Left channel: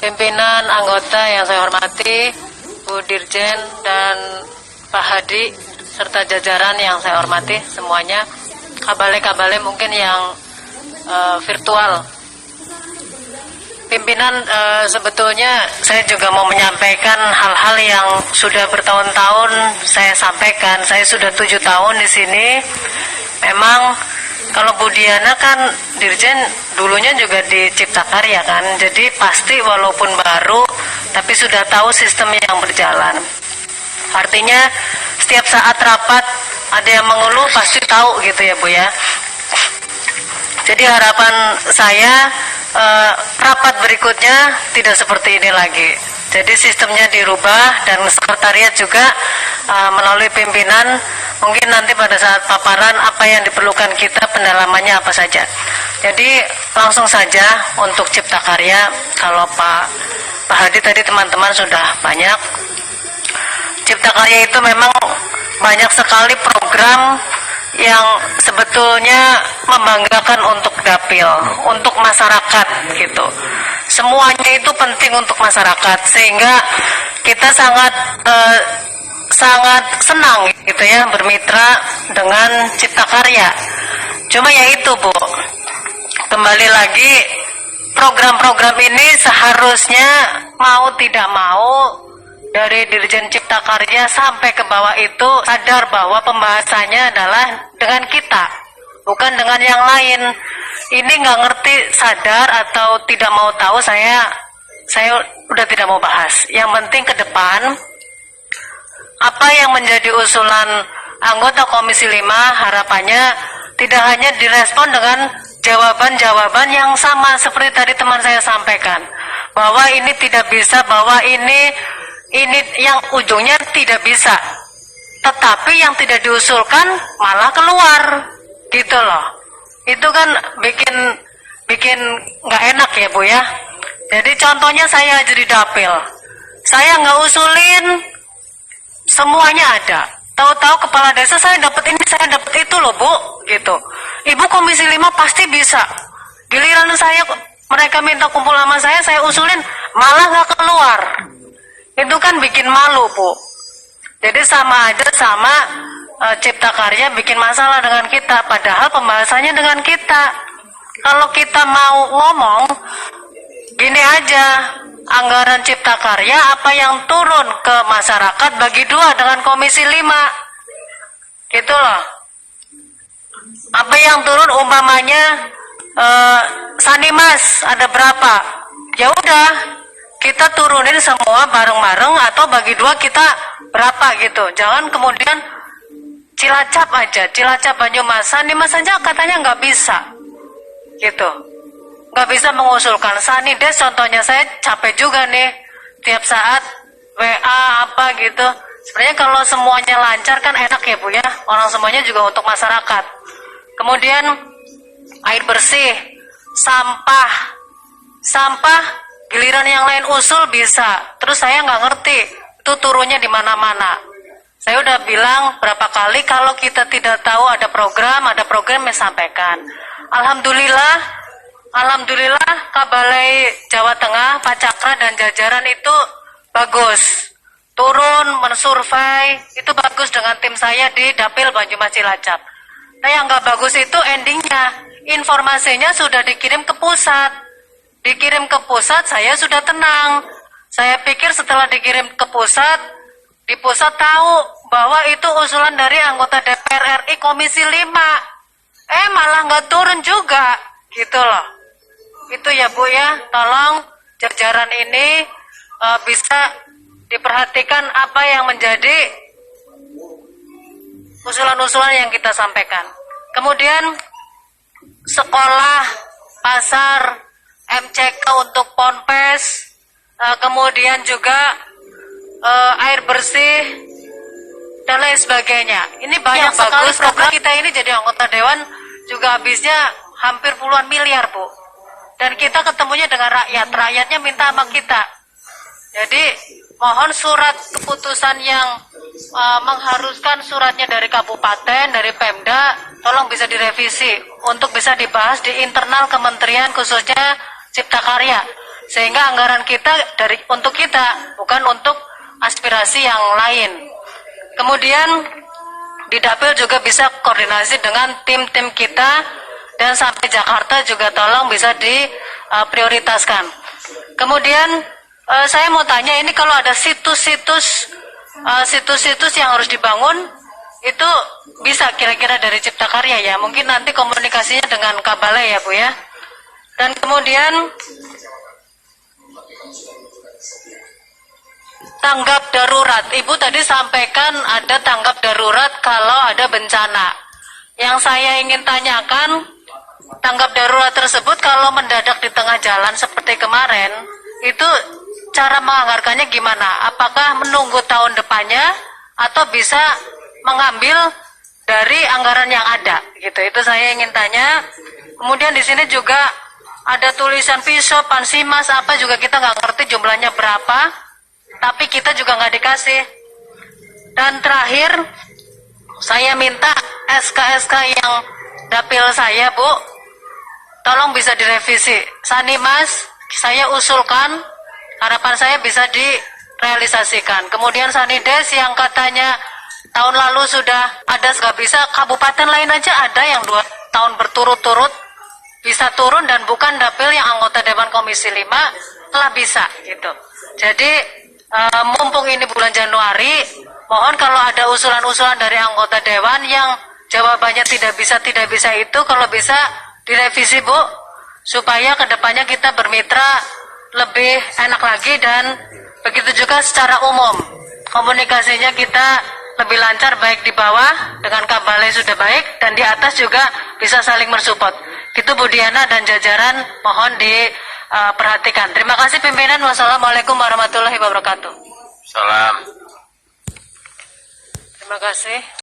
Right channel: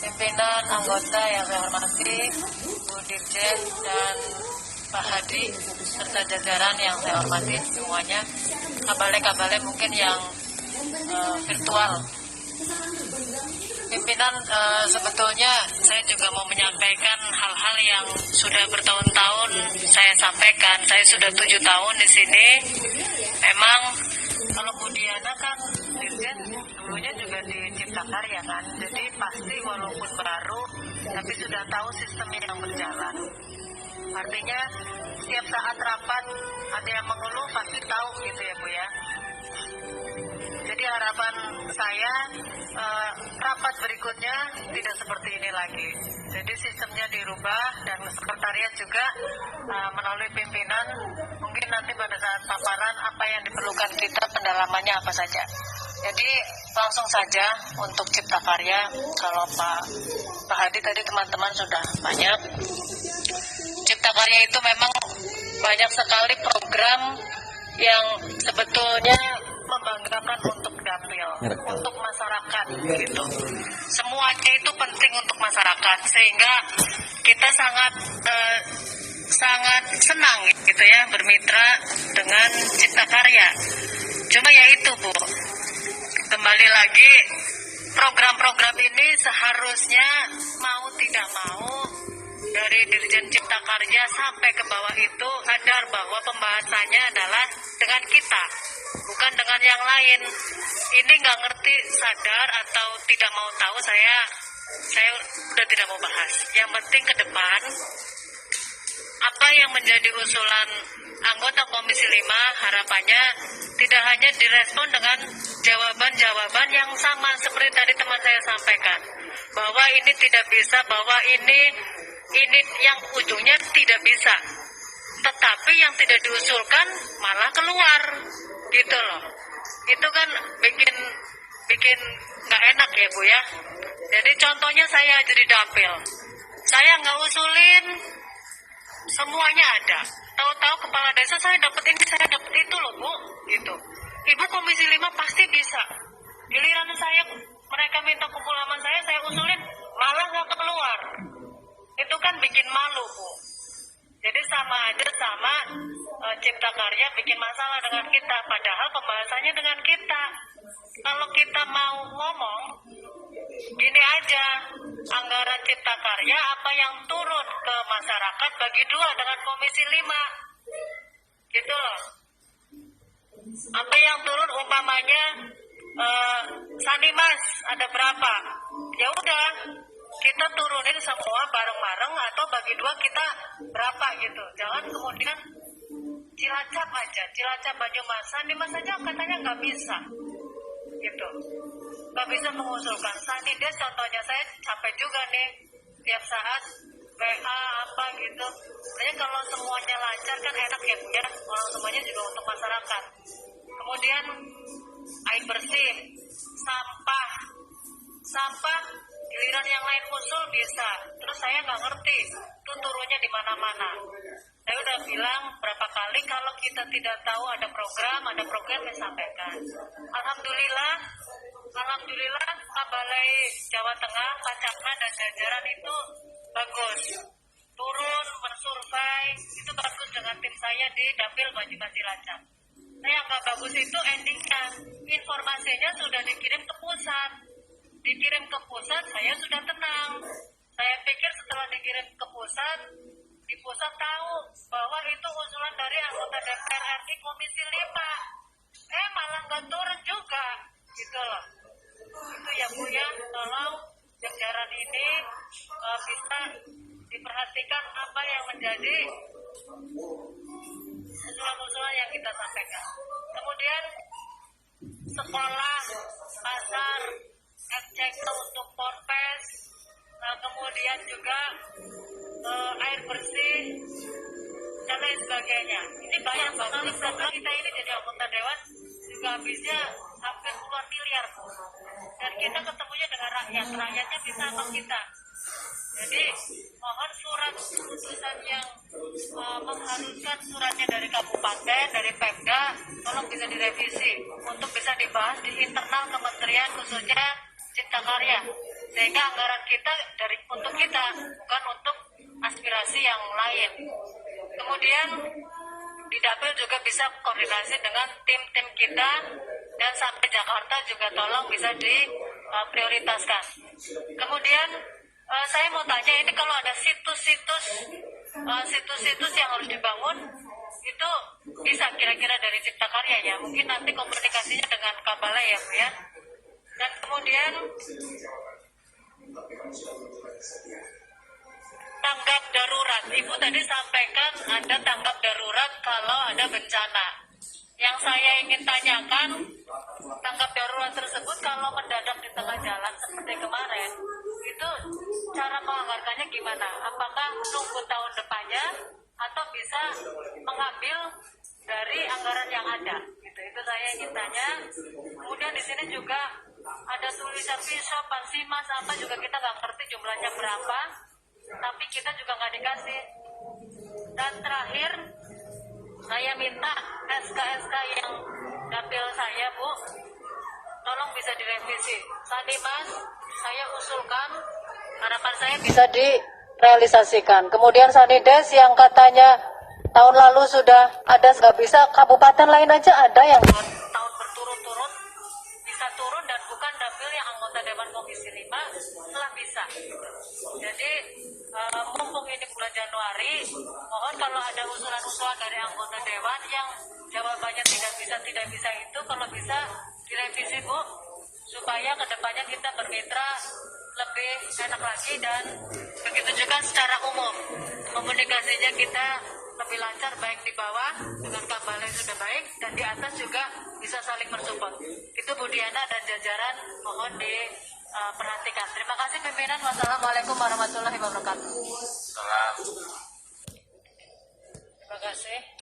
pimpinan, anggota yang saya hormati, Bu Dirjen dan Pak Hadi, serta jajaran yang saya hormati semuanya, kabale-kabale mungkin yang virtual. Pimpinan, sebetulnya saya juga mau menyampaikan hal-hal yang sudah bertahun-tahun saya sampaikan. Saya sudah 7 tahun di sini. Memang kalau Bu Diana kan Dirjen dulunya juga di Cipta Karya kan, jadi pasti walaupun baru tapi sudah tahu sistem yang berjalan. Artinya setiap saat rapat ada yang mengeluh pasti tahu gitu ya Bu ya. Jadi harapan saya rapat berikutnya tidak seperti ini lagi. Jadi sistemnya dirubah dan sekretariat juga melalui pimpinan mungkin nanti pada saat paparan apa yang diperlukan kita, pendalamannya apa saja. Jadi langsung saja untuk Cipta Karya, kalau Pak Hadi tadi teman-teman sudah banyak. Cipta Karya itu memang banyak sekali program yang sebetulnya membanggakan untuk dapil, untuk masyarakat gitu. Semuanya itu penting untuk masyarakat, sehingga kita sangat senang gitu ya bermitra dengan Cipta Karya. Cuma ya itu Bu, kembali lagi program-program ini seharusnya mau tidak mau dari Dirjen Cipta Karya sampai ke bawah itu sadar bahwa pembahasannya adalah dengan kita, bukan dengan yang lain. Ini nggak ngerti, sadar atau tidak mau tahu, saya udah tidak mau bahas. Yang penting ke depan apa yang menjadi usulan anggota Komisi 5, harapannya tidak hanya direspon dengan jawaban-jawaban yang sama seperti tadi teman saya sampaikan, bahwa ini tidak bisa, bahwa ini yang ujungnya tidak bisa, tetapi yang tidak diusulkan malah keluar gitu loh. Itu kan bikin nggak enak ya Bu ya. Jadi contohnya saya jadi dapil, saya nggak usulin, semuanya ada. Tahu-tahu kepala desa saya dapat ini, saya dapat itu loh Bu gitu. Ibu Komisi 5 pasti bisa. Giliran mereka minta kumpul sama saya usulin malah nggak keluar. Itu kan bikin malu Bu. Jadi sama aja sama Cipta Karya bikin masalah dengan kita, padahal pembahasannya dengan kita. Kalau kita mau ngomong gini aja, anggaran Cipta Karya apa yang turun ke masyarakat bagi 2 dengan Komisi 5 gitu loh. Apa yang turun umpamanya Sanimas ada berapa, ya udah kita turunin semua bareng-bareng atau bagi 2 kita berapa gitu. Jangan kemudian Cilacap aja, Cilacap Banyumas, Sanimas saja katanya nggak bisa gitu, nggak bisa mengusulkan. Sanides contohnya, saya capek juga nih tiap saat WA apa gitu. Sebenarnya kalau semuanya lancar kan enak ya Bu ya, orang semuanya juga untuk masyarakat. Kemudian air bersih, sampah giliran yang lain usul bisa, terus saya nggak ngerti itu turunnya di mana-mana. Saya udah bilang berapa kali kalau kita tidak tahu ada program yang sampaikan. Alhamdulillah Kabalai Jawa Tengah, Pak Cakra dan jajaran itu bagus. Turun mensurvei itu bagus dengan tim saya di Dapil Banyumas Cilacap. Nah yang nggak bagus itu endingnya, informasinya sudah dikirim ke pusat. Dikirim ke pusat saya sudah tenang. Saya pikir setelah dikirim ke pusat, di pusat tahu bahwa itu usulan dari anggota DPR RI Komisi 5. Malah nggak turun juga gitu loh. Itu ya Bu ya, tolong jajaran ini bisa diperhatikan apa yang menjadi usulan-usulan yang kita sampaikan. Kemudian sekolah, pasar, MCK untuk ponpes, kemudian juga air bersih dan lain sebagainya. Ini banyak bagus program kita ini, jadi anggota dewan juga habisnya hampir puluhan miliar Bu. Dan kita ketemunya dengan rakyatnya minta sama kita. Jadi mohon surat keputusan yang mengharuskan suratnya dari kabupaten, dari Pemda, tolong bisa direvisi untuk bisa dibahas di internal kementerian khususnya Cipta Karya. sehingga anggaran kita untuk kita, bukan untuk aspirasi yang lain. Kemudian di Dapil juga bisa koordinasi dengan tim-tim kita, dan sampai Jakarta juga tolong bisa diprioritaskan. Kemudian saya mau tanya, ini kalau ada situs-situs yang harus dibangun, itu bisa kira-kira dari Cipta Karya ya? Mungkin nanti komunikasinya dengan Kabalai ya Bu ya. Dan kemudian tanggap darurat. Ibu tadi sampaikan ada tanggap darurat kalau ada bencana. Yang saya ingin tanyakan, tanggap darurat tersebut kalau mendadak di tengah jalan seperti kemarin, itu cara menganggarkannya gimana? Apakah menunggu tahun depannya atau bisa mengambil dari anggaran yang ada? Gitu. Itu saya ingin tanya. Kemudian di sini juga ada tulisan pisau, pansimas, apa juga kita nggak ngerti jumlahnya berapa, tapi kita juga nggak dikasih. Dan terakhir, saya minta SK-SK yang Dapil saya, Bu, tolong bisa direvisi. Sanimas, saya usulkan, harapan saya bisa direalisasikan. Kemudian Sanides yang katanya tahun lalu sudah ada, nggak bisa, kabupaten lain aja ada yang 2 tahun berturut-turut bisa turun dan bukan Dapil yang anggota Dewan Komisi 5 telah bisa gitu. Jadi mumpung ini bulan Januari, mohon kalau ada usulan-usulan dari anggota Dewan yang jawabannya tidak bisa itu, kalau bisa direvisi Bu, supaya kedepannya kita bermitra lebih enak lagi, dan begitu juga secara umum komunikasinya kita lebih lancar, baik di bawah dengan Kabalai sudah baik, dan di atas juga bisa saling mensupport. Gitu Bu Diana dan jajaran, mohon diperhatikan. Terima kasih pimpinan. Wassalamualaikum warahmatullahi wabarakatuh. Salam. Terima kasih.